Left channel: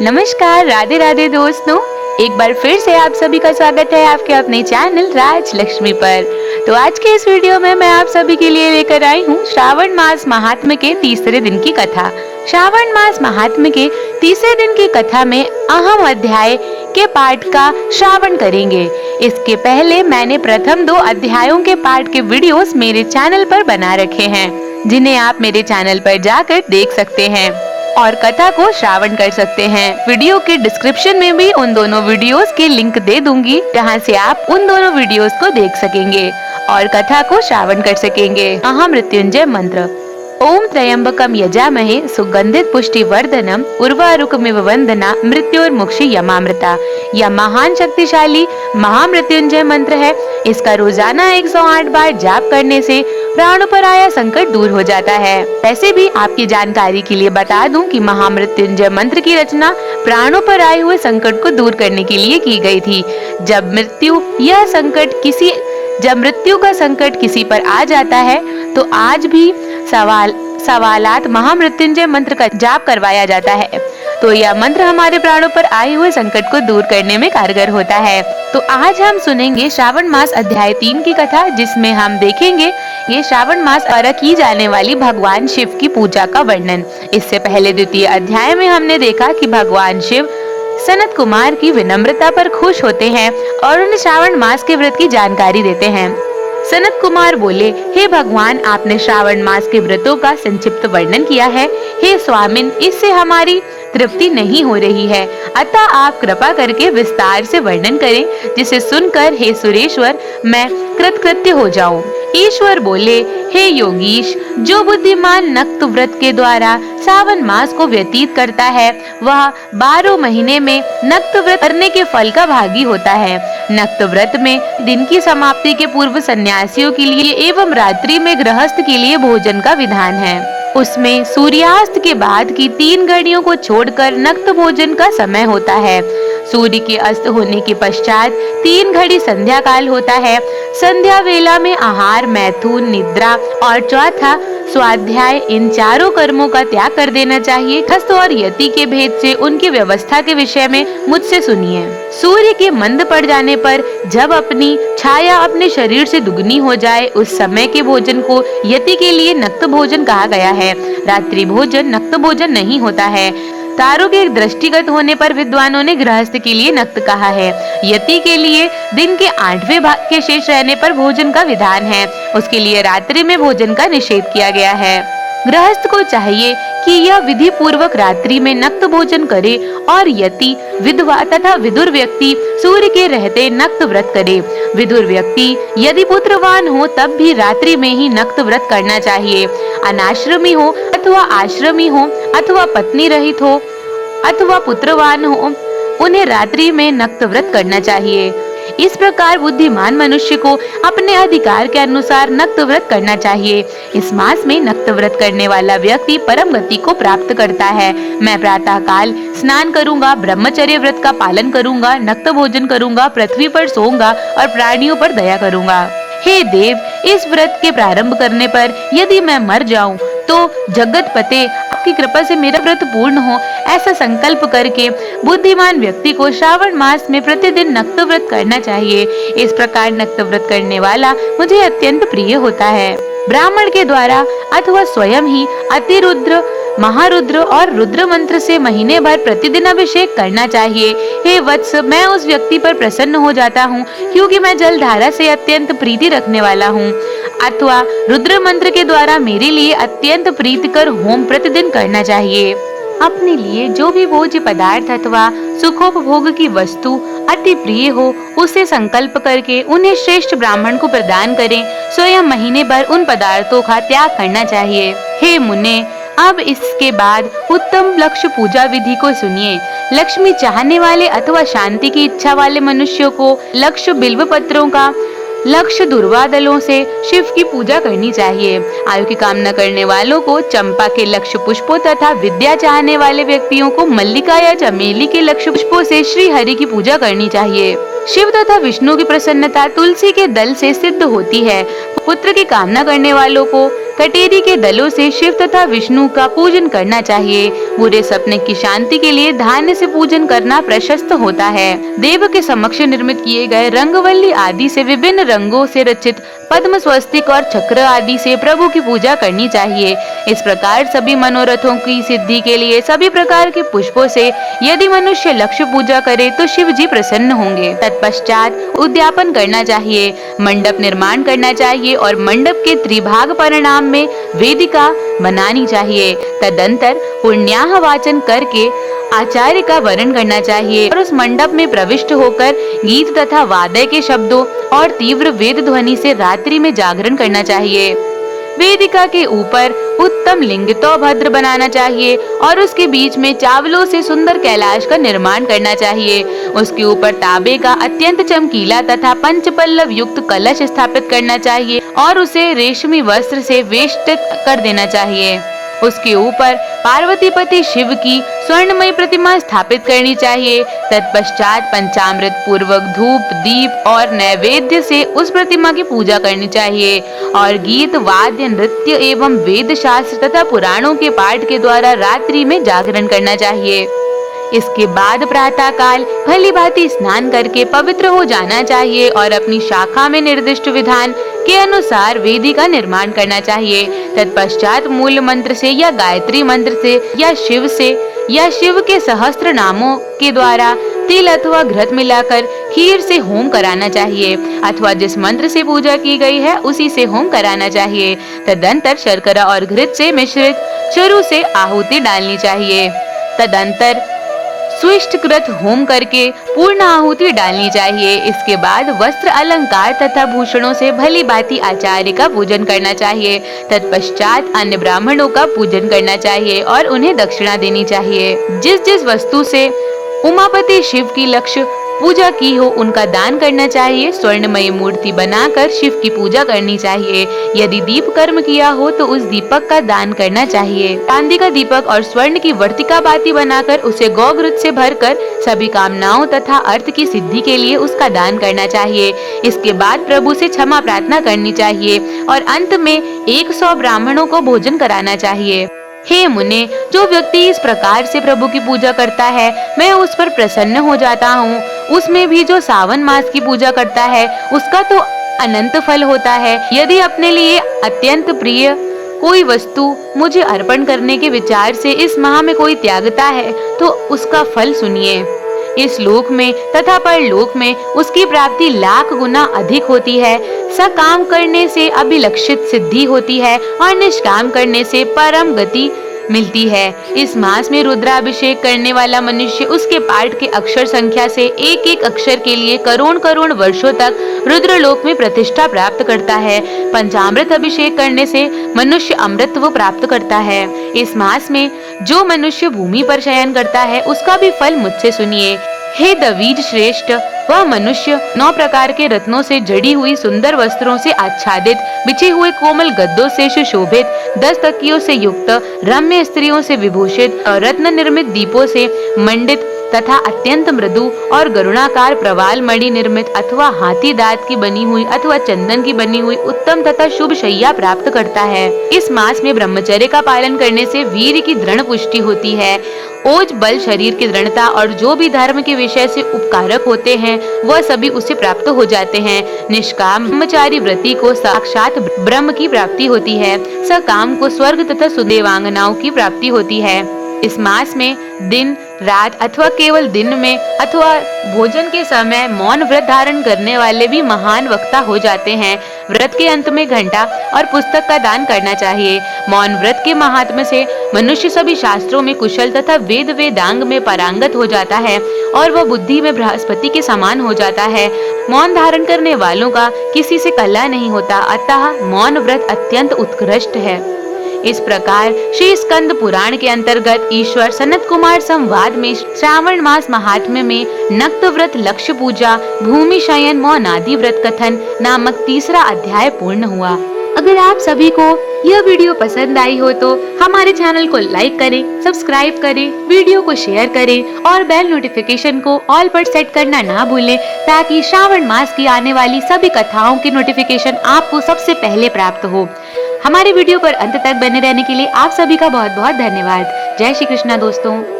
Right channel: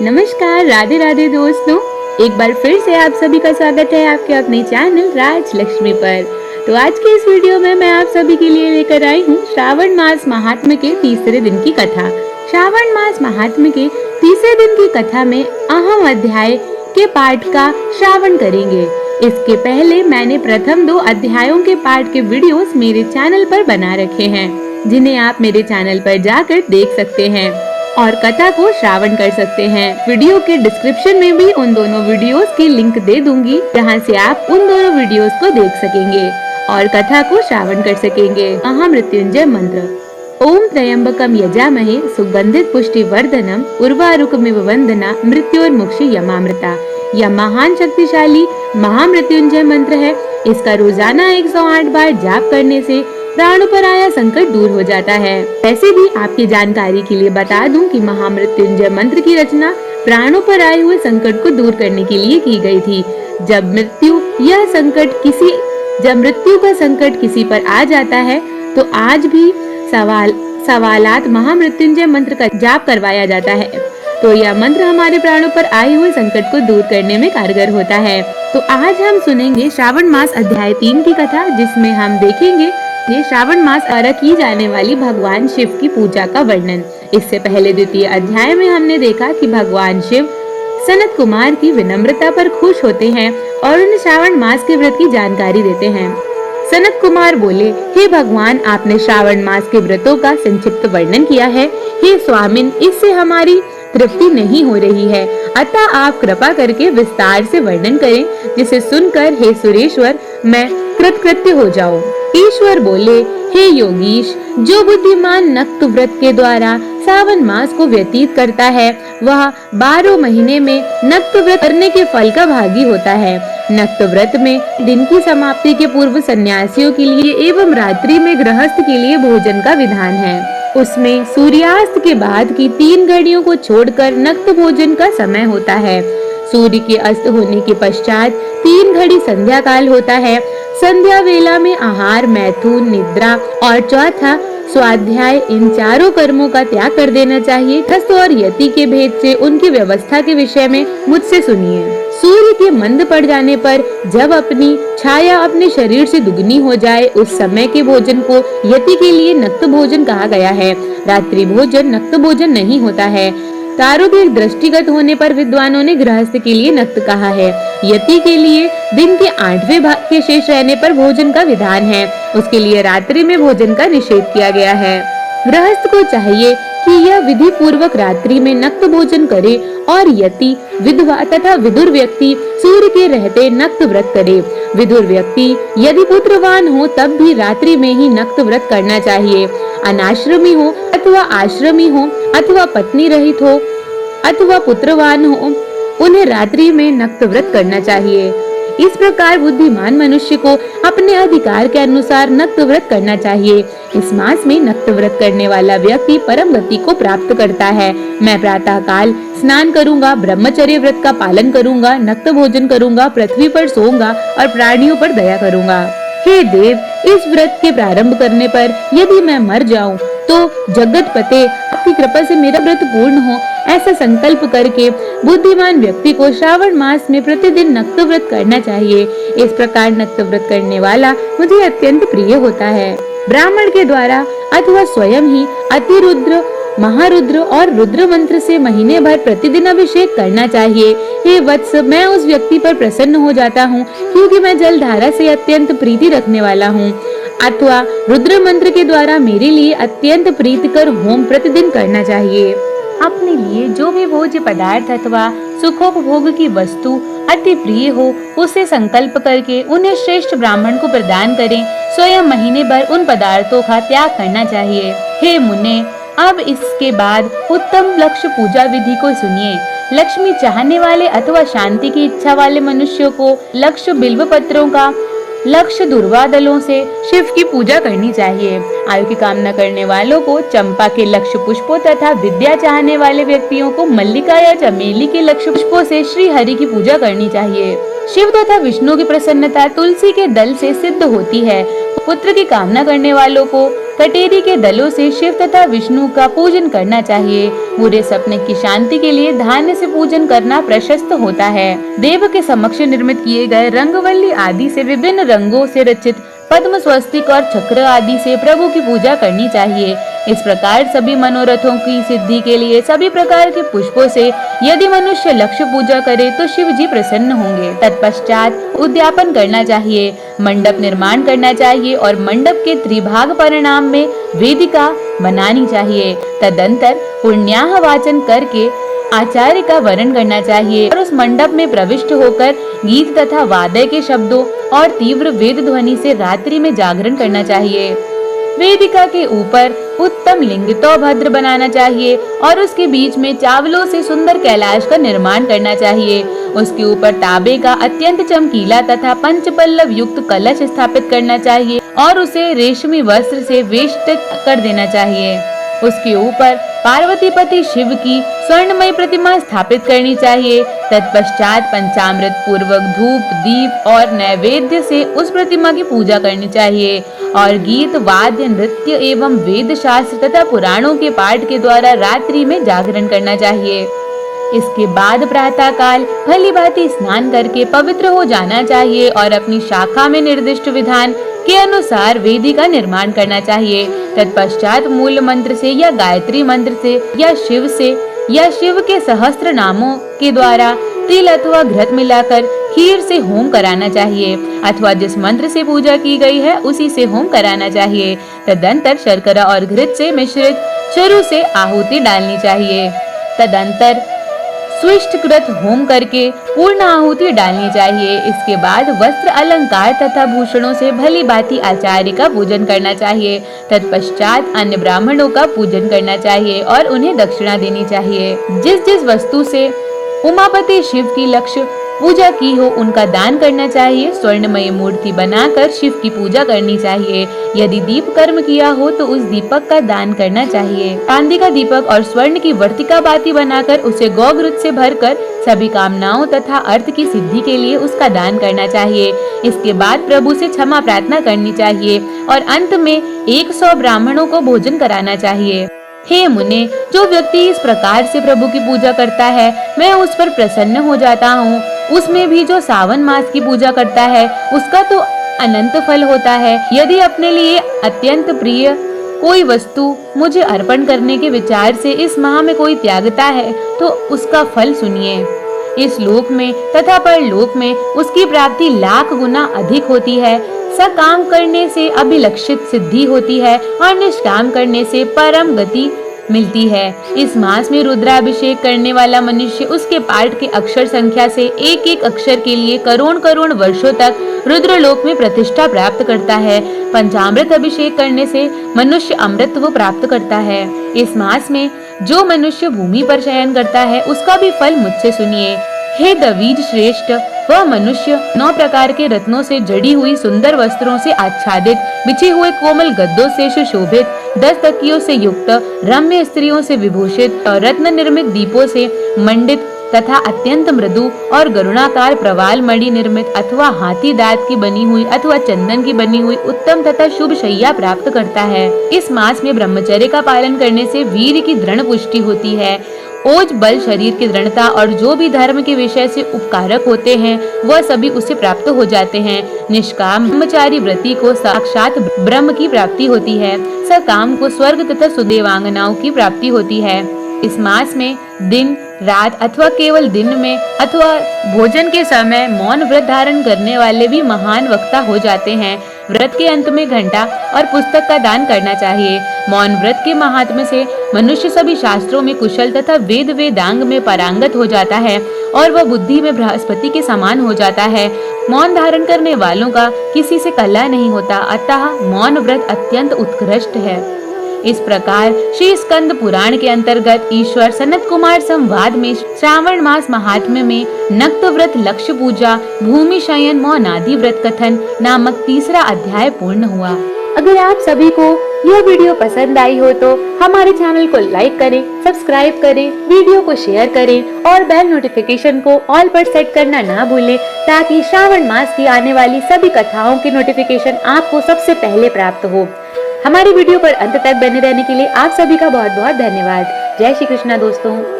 नमस्कार, राधे राधे दोस्तों। एक बार फिर से आप सभी का स्वागत है आपके अपने चैनल राज लक्ष्मी पर। तो आज के इस वीडियो में मैं आप सभी के लिए लेकर आई हूँ श्रावण मास महात्म्य के तीसरे दिन की कथा। श्रावण मास महात्म्य के तीसरे दिन की कथा में अहम अध्याय के पाठ का श्रावण करेंगे। इसके पहले मैंने प्रथम 2 अध्यायों के पाठ के वीडियोस मेरे चैनल पर बना रखे हैं, जिन्हें आप मेरे चैनल पर जाकर देख सकते हैं और कथा को श्रावण कर सकते हैं। वीडियो के डिस्क्रिप्शन में भी उन दोनों वीडियोस के लिंक दे दूंगी, जहां से आप उन दोनों वीडियोस को देख सकेंगे और कथा को श्रावण कर सकेंगे। महामृत्युंजय मंत्र। ओम त्र्यंबकम यजामहे सुगंधित पुष्टि वर्धनम उर्वारुकमिव वंदना मृत्योर्मुक्षि यमामृता। यह महान शक्तिशाली महामृत्युंजय मंत्र है। इसका रोजाना 108 बार जाप करने से प्राणों पर आया संकट दूर हो जाता है। वैसे भी आपकी जानकारी के लिए बता दूं कि महामृत्युंजय मंत्र की रचना प्राणों पर आए हुए संकट को दूर करने के लिए की गई थी। जब मृत्यु का संकट किसी पर आ जाता है तो आज भी सवालात महामृत्युंजय मंत्र का जाप करवाया जाता है। तो यह मंत्र हमारे प्राणों पर आए हुए संकट को दूर करने में कारगर होता है। तो आज हम सुनेंगे श्रावण मास अध्याय 3 की कथा, जिसमें हम देखेंगे ये श्रावण मास और की जाने वाली भगवान शिव की पूजा का वर्णन। इससे पहले द्वितीय अध्याय में हमने देखा कि भगवान शिव सनत कुमार की विनम्रता पर खुश होते हैं और उन्हें श्रावण मास के व्रत की जानकारी देते हैं। सनत कुमार बोले, हे भगवान, आपने श्रावण मास के व्रतों का संक्षिप्त वर्णन किया है। हे स्वामिन, इससे हमारी तृप्ति नहीं हो रही है, अतः आप कृपा करके विस्तार से वर्णन करें, जिसे सुनकर हे सुरेश्वर मैं कृतकृत्य हो जाऊं। ईश्वर बोले, हे योगीश, जो बुद्धिमान नक्त व्रत के द्वारा सावन मास को व्यतीत करता है, वह 12 महीने में नक्त व्रत करने के फल का भागी होता है। नक्त व्रत में दिन की समाप्ति के पूर्व सन्यासियों के लिए एवं रात्रि में गृहस्थ के लिए भोजन का विधान है। उसमें सूर्यास्त के बाद की 3 घड़ियों को छोड़कर नक्त भोजन का समय होता है। सूर्य के अस्त होने के पश्चात 3 घड़ी संध्या काल होता है। संध्या वेला में आहार, मैथुन, निद्रा और चौथा स्वाध्याय, इन चारों कर्मों का त्याग कर देना चाहिए। गृहस्थ और यति के भेद से उनकी व्यवस्था के विषय में मुझसे सुनिए। सूर्य के मंद पड़ जाने पर जब अपनी छाया अपने शरीर से दुगनी हो जाए, उस समय के भोजन को यति के लिए नक्त भोजन कहा गया है। रात्रि भोजन नक्त भोजन नहीं होता है। तारों के दृष्टिगत होने पर विद्वानों ने गृहस्थ के लिए नक्त कहा है। यति के लिए दिन के 8वें भाग के शेष रहने पर भोजन का विधान है। उसके लिए रात्रि में भोजन का निषेध किया गया है। गृहस्थ को चाहिए कि यह विधि पूर्वक रात्रि में नक्त भोजन करे और यति, विधवा तथा विदुर व्यक्ति सूर्य के रहते नक्त व्रत करे। विदुर व्यक्ति यदि पुत्रवान हो तब भी रात्रि में ही नक्त व्रत करना चाहिए। अनाश्रमी हो अथवा आश्रमी हो अथवा पत्नी रहित हो अथवा पुत्रवान हो, उन्हें रात्रि में नक्त व्रत करना चाहिए। इस प्रकार बुद्धिमान मनुष्य को अपने अधिकार के अनुसार नक्त व्रत करना चाहिए। इस मास में नक्त व्रत करने वाला व्यक्ति परम गति को प्राप्त करता है। मैं प्रातः काल स्नान करूंगा, ब्रह्मचर्य व्रत का पालन करूंगा, नक्त भोजन करूंगा, पृथ्वी पर सोऊंगा और प्राणियों पर दया करूंगा। हे देव, इस व्रत के प्रारंभ करने पर यदि मैं मर जाऊं तो जगत पते आपकी कृपा से मेरा व्रत पूर्ण हो, ऐसा संकल्प करके बुद्धिमान व्यक्ति को श्रावण मास में प्रतिदिन नक्त व्रत करना चाहिए। इस प्रकार नक्त व्रत करने वाला मुझे अत्यंत प्रिय होता है। ब्राह्मण के द्वारा अथवा स्वयं ही अतिरुद्र, महारुद्र और रुद्र मंत्र से महीने भर प्रतिदिन अभिषेक करना चाहिए। हे वत्स, मैं उस व्यक्ति पर प्रसन्न हो जाता हूँ क्योंकि मैं जल धारा से अत्यंत प्रीति रखने वाला हूँ। अथवा रुद्र मंत्र के द्वारा मेरे लिए अत्यंत प्रीतिकर होम प्रतिदिन करना चाहिए। अपने लिए जो भी भोज्य पदार्थ अथवा सुखोपभोग की वस्तु अति प्रिय हो, उसे संकल्प करके उन्हें श्रेष्ठ ब्राह्मण को प्रदान करें। स्वयं महीने भर उन पदार्थों का त्याग करना चाहिए। हे मुने, अब इसके बाद उत्तम लक्ष्य पूजा विधि को सुनिए। लक्ष्मी चाहने वाले अथवा शांति की इच्छा वाले मनुष्यों को लक्ष्य बिल्व पत्रों का, लक्ष्य दुर्वादलों से शिव की पूजा करनी चाहिए। आयु की कामना करने वालों को चंपा के लक्ष्य पुष्पों तथा विद्या चाहने वाले व्यक्तियों को मल्लिका या चमेली के लक्ष्य पुष्पों से श्री हरि की पूजा करनी चाहिए। शिव तथा विष्णु की प्रसन्नता तुलसी के दल से सिद्ध होती है। पुत्र की कामना करने वालों को कटेरी के दलों से शिव तथा विष्णु का पूजन करना चाहिए। बुरे सपने की शांति के लिए धान्य से पूजन करना प्रशस्त होता है। देव के समक्ष निर्मित किए गए रंगवल्ली आदि से विभिन्न रंगों से रचित पद्म, स्वस्तिक और चक्र आदि से प्रभु की पूजा करनी चाहिए। इस प्रकार सभी मनोरथों की सिद्धि के लिए सभी प्रकार के पुष्पों से यदि मनुष्य लक्ष्य पूजा करे तो शिव जी प्रसन्न होंगे। तत्पश्चात उद्यापन करना चाहिए, मंडप निर्माण करना चाहिए और मंडप के त्रिभाग परिणाम में वेदिका बनानी चाहिए। तदंतर पुण्याह वाचन करके आचार्य का वरण करना चाहिए और उस मंडप में प्रविष्ट होकर गीत तथा वाद्य के शब्दों और तीव्र वेद ध्वनि से रात्रि में जागरण करना चाहिए। वेदिका के ऊपर उत्तम लिंग तो भद्र बनाना चाहिए और उसके बीच में चावलों से सुंदर कैलाश का निर्माण करना चाहिए। उसके ऊपर तांबे का अत्यंत चमकीला तथा पंचपल्लव युक्त कलश स्थापित करना चाहिए और उसे रेशमी वस्त्र से वेष्टित कर देना चाहिए। उसके ऊपर पार्वती पति शिव की स्वर्णमय प्रतिमा स्थापित करनी चाहिए। तत्पश्चात पंचामृत पूर्वक धूप, दीप और नैवेद्य से उस प्रतिमा की पूजा करनी चाहिए और गीत, वाद्य, नृत्य एवं वेद शास्त्र तथा पुराणों के पाठ के द्वारा रात्रि में जागरण करना चाहिए। इसके बाद प्रातः काल भली भांति स्नान करके पवित्र हो जाना चाहिए और अपनी शाखा में निर्दिष्ट विधान के अनुसार वेदी का निर्माण करना चाहिए। तत्पश्चात मूल मंत्र से या गायत्री मंत्र से या शिव के सहस्त्र नामों के द्वारा तिल अथवा घृत मिलाकर खीर से होम कराना चाहिए अथवा जिस मंत्र से पूजा की गई है उसी से होम कराना चाहिए। तदंतर शर्करा और घृत से मिश्रित चरु से आहुति डालनी चाहिए। तदंतर स्विष्टकृत होम करके पूर्ण आहुति डालनी चाहिए। इसके बाद वस्त्र, अलंकार तथा भूषणों से भली भांति आचार्य का पूजन करना चाहिए। तत्पश्चात अन्य ब्राह्मणों का पूजन करना चाहिए और उन्हें दक्षिणा देनी चाहिए। जिस जिस वस्तु से उमापति शिव की लक्ष्य पूजा की हो उनका दान करना चाहिए। स्वर्णमयी मूर्ति बनाकर शिव की पूजा करनी चाहिए। यदि दीप कर्म किया हो तो उस दीपक का दान करना चाहिए। चांदी का दीपक और स्वर्ण की वर्तिका बाती बनाकर उसे गौघृत से भरकर सभी कामनाओं तथा अर्थ की सिद्धि के लिए उसका दान करना चाहिए। इसके बाद प्रभु से क्षमा प्रार्थना करनी चाहिए और अंत में 100 ब्राह्मणों को भोजन कराना चाहिए। हे मुने, जो व्यक्ति इस प्रकार से प्रभु की पूजा करता है मैं उस पर प्रसन्न हो जाता हूँ। उसमें भी जो सावन मास की पूजा करता है उसका तो अनंत फल होता है। यदि अपने लिए अत्यंत प्रिय कोई वस्तु मुझे अर्पण करने के विचार से इस माह में कोई त्यागता है तो उसका फल सुनिए। इस लोक में तथा परलोक में उसकी प्राप्ति लाख गुना अधिक होती है। सकाम करने से अभिलक्षित सिद्धि होती है और निष्काम करने से परम गति मिलती है। इस मास में रुद्राभिषेक करने वाला मनुष्य उसके पाठ के अक्षर संख्या से एक एक अक्षर के लिए करोड़ करोड़ वर्षों तक रुद्रलोक में प्रतिष्ठा प्राप्त करता है। पंचामृत अभिषेक करने से मनुष्य अमृतत्व प्राप्त करता है। इस मास में जो मनुष्य भूमि पर शयन करता है उसका भी फल मुझसे सुनिए। हे दवीज श्रेष्ठ, वह मनुष्य 9 प्रकार के रत्नों से जड़ी हुई सुंदर वस्त्रों से आच्छादित, बिछे हुए कोमल गद्दों से सुशोभित, 10 तकियों से युक्त, रम्य स्त्रियों से विभूषित, रत्न निर्मित दीपों से मंडित तथा अत्यंत मृदु और गरुणाकार प्रवाल मणि निर्मित अथवा हाथी दांत की बनी हुई अथवा चंदन की बनी हुई उत्तम तथा शुभ शैया प्राप्त करता है। इस मास में ब्रह्मचर्य का पालन करने से वीर की दृढ़ पुष्टि होती है। ओज बल शरीर की दृढ़ता और जो भी धर्म के विषय से उपकारक होते हैं वह सभी उसे प्राप्त हो जाते हैं। निष्काम ब्रह्मचारी व्रती को साक्षात ब्रह्म की प्राप्ति होती है। सकाम को स्वर्ग तथा सुदेवांगनाओं की प्राप्ति होती है। इस मास में दिन रात अथवा केवल दिन में अथवा भोजन के समय मौन व्रत धारण करने वाले भी महान वक्ता हो जाते हैं। व्रत के अंत में घंटा और पुस्तक का दान करना चाहिए। मौन व्रत के महात्म्य से मनुष्य सभी शास्त्रों में कुशल तथा वेद वेदांग में पारंगत हो जाता है और वह बुद्धि में बृहस्पति के समान हो जाता है। मौन धारण करने वालों का किसी से कलह नहीं होता, अतः मौन व्रत अत्यंत उत्कृष्ट है। इस प्रकार श्री स्कंद पुराण के अंतर्गत ईश्वर सनत कुमार संवाद में श्रावण मास महात्म्य में नक्त व्रत, लक्ष्य पूजा, भूमि शयन, मौनादि व्रत कथन नामक 3रा अध्याय पूर्ण हुआ। अगर आप सभी को यह वीडियो पसंद आई हो तो हमारे चैनल को लाइक करें, सब्सक्राइब करें, वीडियो को शेयर करें और बेल नोटिफिकेशन को ऑल पर सेट करना ना भूलें, ताकि श्रावण मास की आने वाली सभी कथाओं की नोटिफिकेशन आपको सबसे पहले प्राप्त हो। हमारी वीडियो पर अंत तक बने रहने के लिए आप सभी का बहुत बहुत धन्यवाद। जय श्री कृष्णा दोस्तों।